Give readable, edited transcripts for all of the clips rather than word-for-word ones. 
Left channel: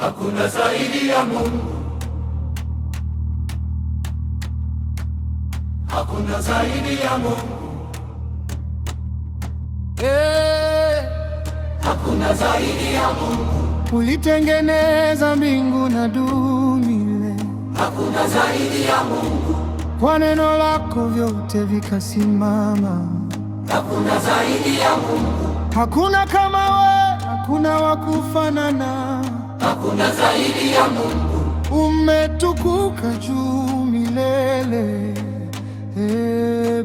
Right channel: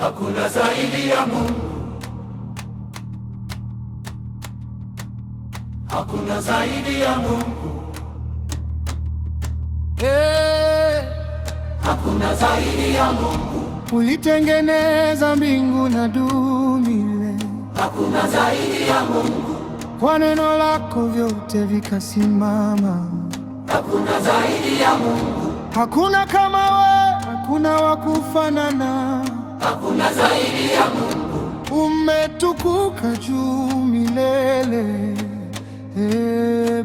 Hakuna zaidi ya Mungu. Hakuna zaidi ya Mungu. Hakuna zaidi ya Mungu. Ulitengeneza mbingu na dunia. Hakuna zaidi ya Mungu. Kwa neno lako vyote vikasimama. Hakuna zaidi ya Mungu. Hakuna kama wewe, hakuna wa kufanana. Hakuna zaidi ya Mungu. Umetukuka juu milele.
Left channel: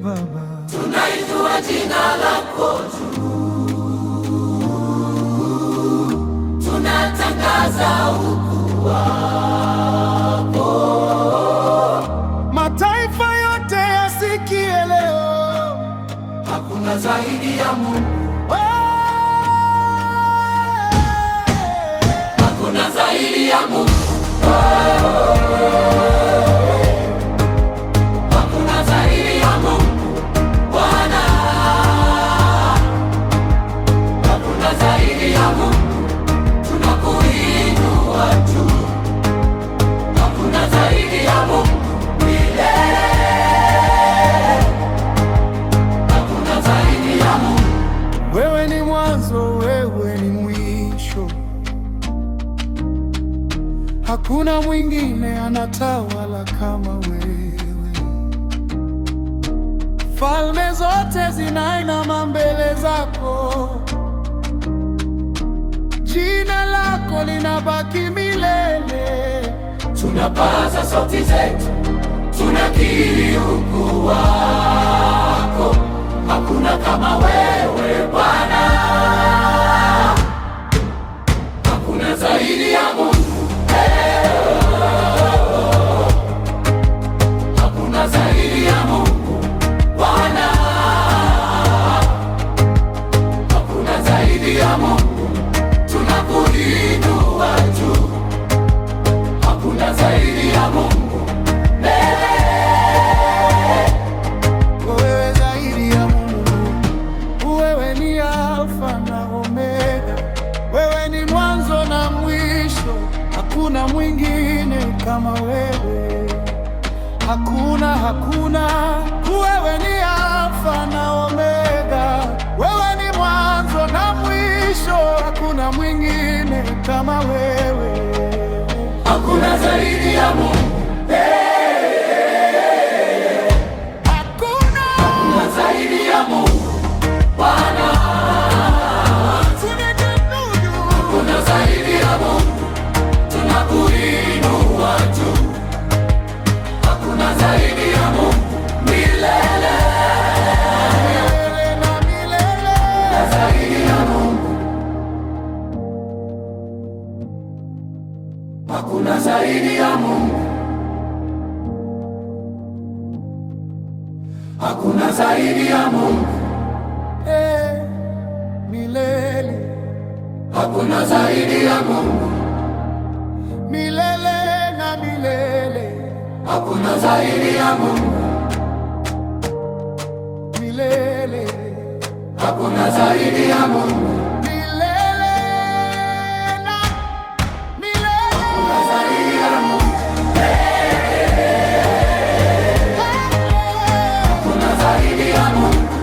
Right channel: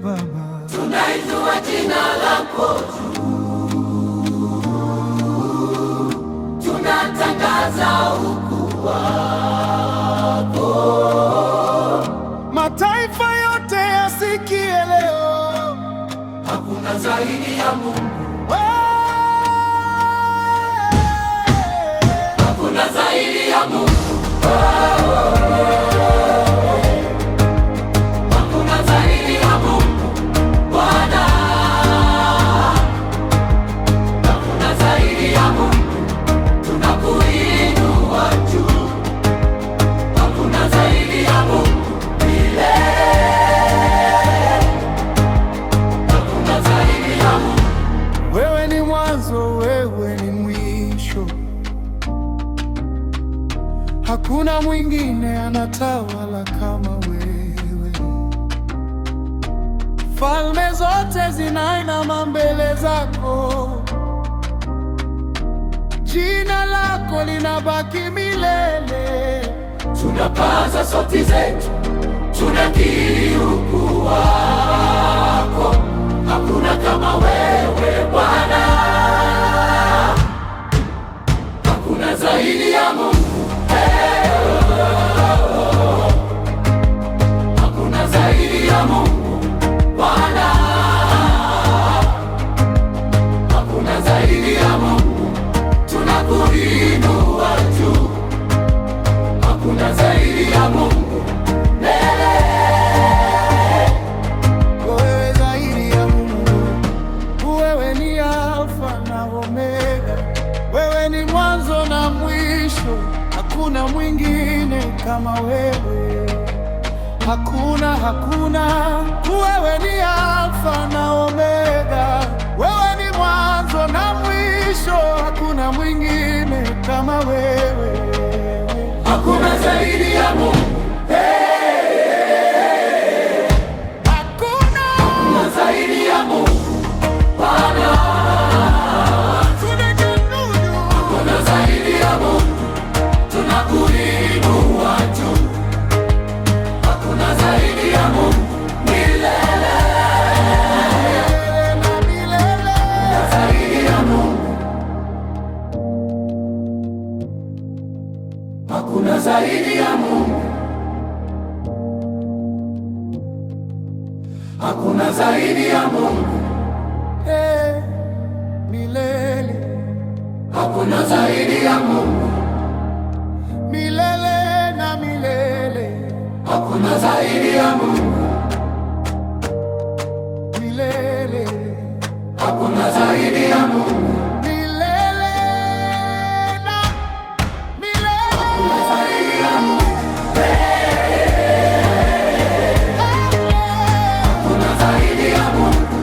Baba, tunainua jina lako juu, tunatangaza ukuu wako. Mataifa yote yasikie leo. Hakuna zaidi ya Mungu. Hakuna zaidi ya Mungu. Hakuna zaidi ya Mungu. Bwana. Hakuna zaidi ya Mungu. Tunakuinua juu. Hakuna zaidi ya Mungu milele. Hakuna zaidi ya Mungu. Wewe ni mwanzo, wewe ni mwisho. Hakuna mwingine anatawala kama wewe. Falme zote zinainama mbele zako. Jina lako linabaki milele. Tunapaza sauti zetu, tunakiri ukuu wako. Hakuna kama wewe Bwana. Hakuna zaidi ya Mungu. Hakuna zaidi ya Mungu Bwana. Hakuna zaidi ya Mungu. Tunakuinua juu. Hakuna zaidi ya Mungu milele. Wewe zaidi ya Mungu. Wewe ni Alfa na Omega. Wewe ni mwanzo na mwisho. Hakuna mwingine kama wewe. Hakuna. Wewe ni Alfa na Omega. Wewe ni mwanzo na mwisho. Hakuna mwingine kama wewe. Hakuna zaidi ya Mungu. Hakuna zaidi ya Mungu Bwana. Hakuna zaidi ya Mungu. Tunakuinua juu. Hakuna zaidi ya Mungu milele. Milele na milele. Zaidi ya Mungu. Hakuna zaidi ya Mungu. Hakuna zaidi ya Mungu. Milele. Hakuna zaidi ya Mungu. Milele na milele. Hakuna zaidi ya Mungu. Milele. Hakuna zaidi ya Mungu. Milele na milele. Hakuna zaidi ya Mungu. Hakuna zaidi ya Mungu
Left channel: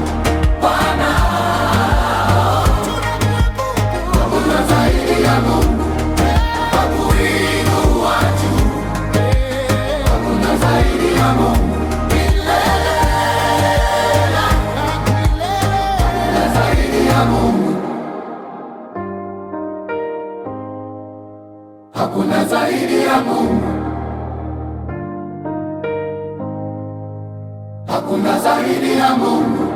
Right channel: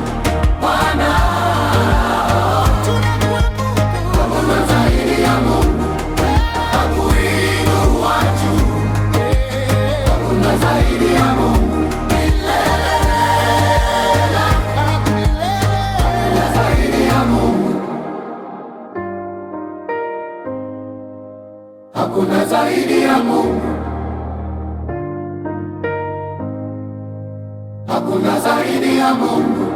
Bwana. Tunakuabudu. Hakuna zaidi ya Mungu. Tunakuinua juu. Hakuna zaidi ya Mungu milele. Na milele. Hakuna zaidi ya Mungu. Hakuna zaidi ya Mungu. Hakuna zaidi ya Mungu.